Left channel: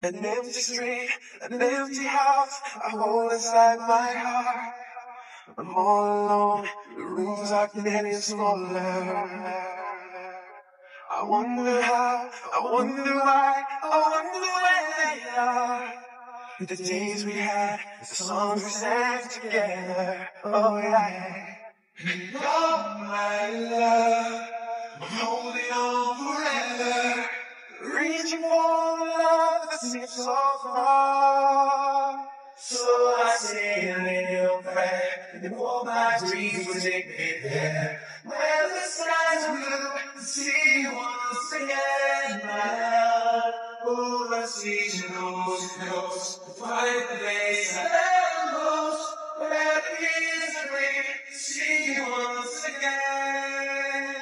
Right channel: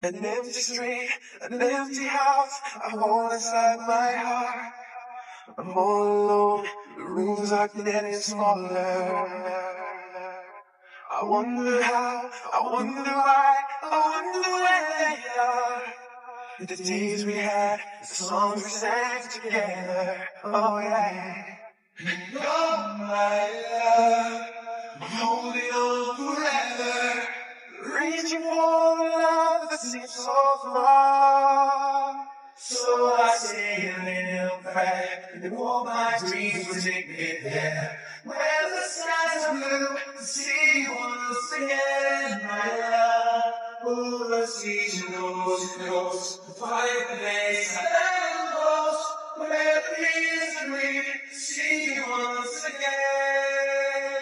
An empty street, an empty house, I hold inside my heart. I'm all alone, the rooms are getting smaller. I wonder how, I wonder why, I wonder where they are. The days we had, the songs we sang together, oh yeah. And oh my love, I'm holding on forever, reaching for love that seems so far. So I say a little prayer, and all my dreams will take me there, where the skies are blue, to see you once again, my love. Oh, the season knows, to find the place I am lost, where the misery, to see you once again,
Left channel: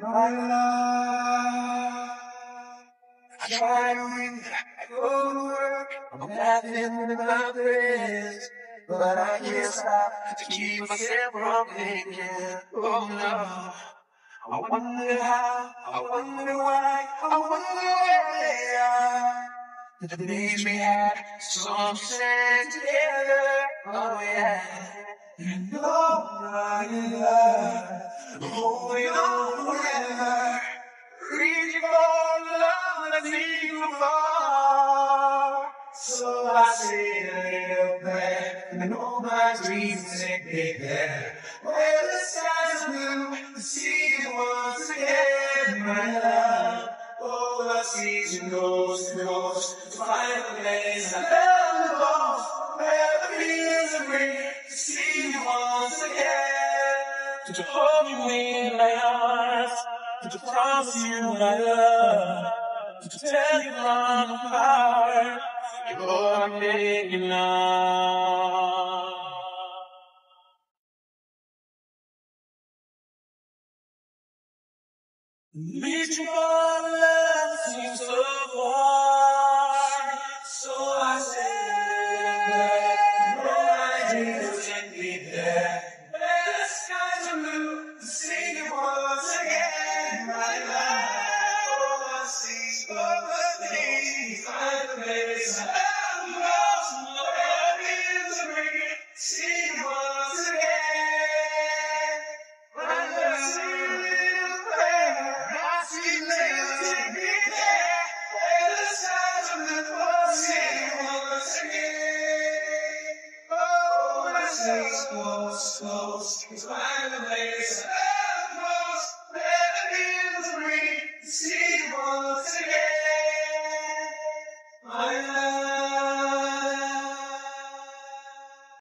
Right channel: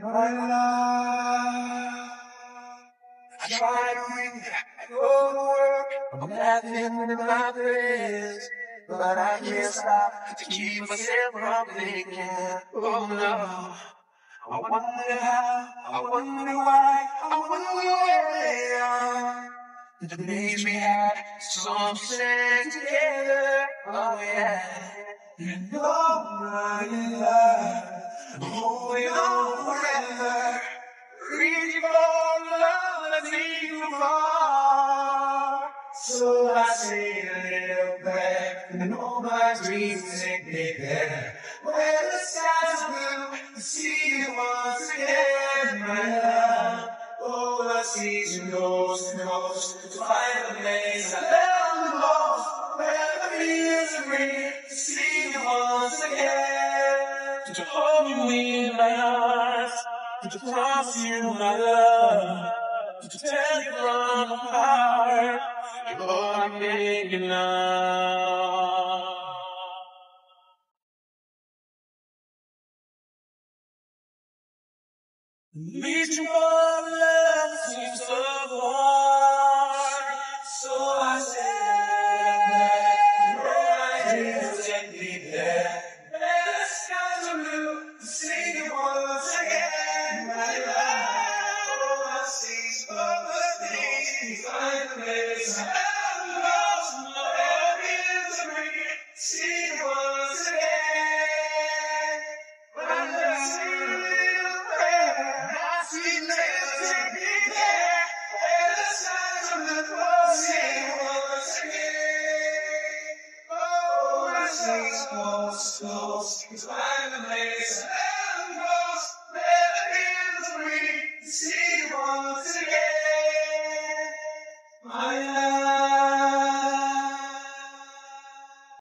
my love. I try to read, I go to work, I'm laughing in my place, but I can't stop to keep myself from thinking, oh no. I wonder how, I wonder why, I wonder where they are. The days we had, songs we sang together, oh yeah. And oh my love, I'm holding on forever, reaching for love that's even far. So I say a little prayer, and all my dreams take me there, where the skies are blue, to see you once again, my love. Oh, the season goes, to find a place I found lost, where the misery, to see you once again, to hold me in my arms, to promise you my love, to tell you love my heart, you're all I'm thinking of. Reaching for love seems so far, so I say, my dreams take me there. Where the skies are blue, to see you once again, my love. Oh, I see all the things I miss. I'm lost, no misery, see you once again. My love. It's find the place I'm lost, never in the see once again, my love.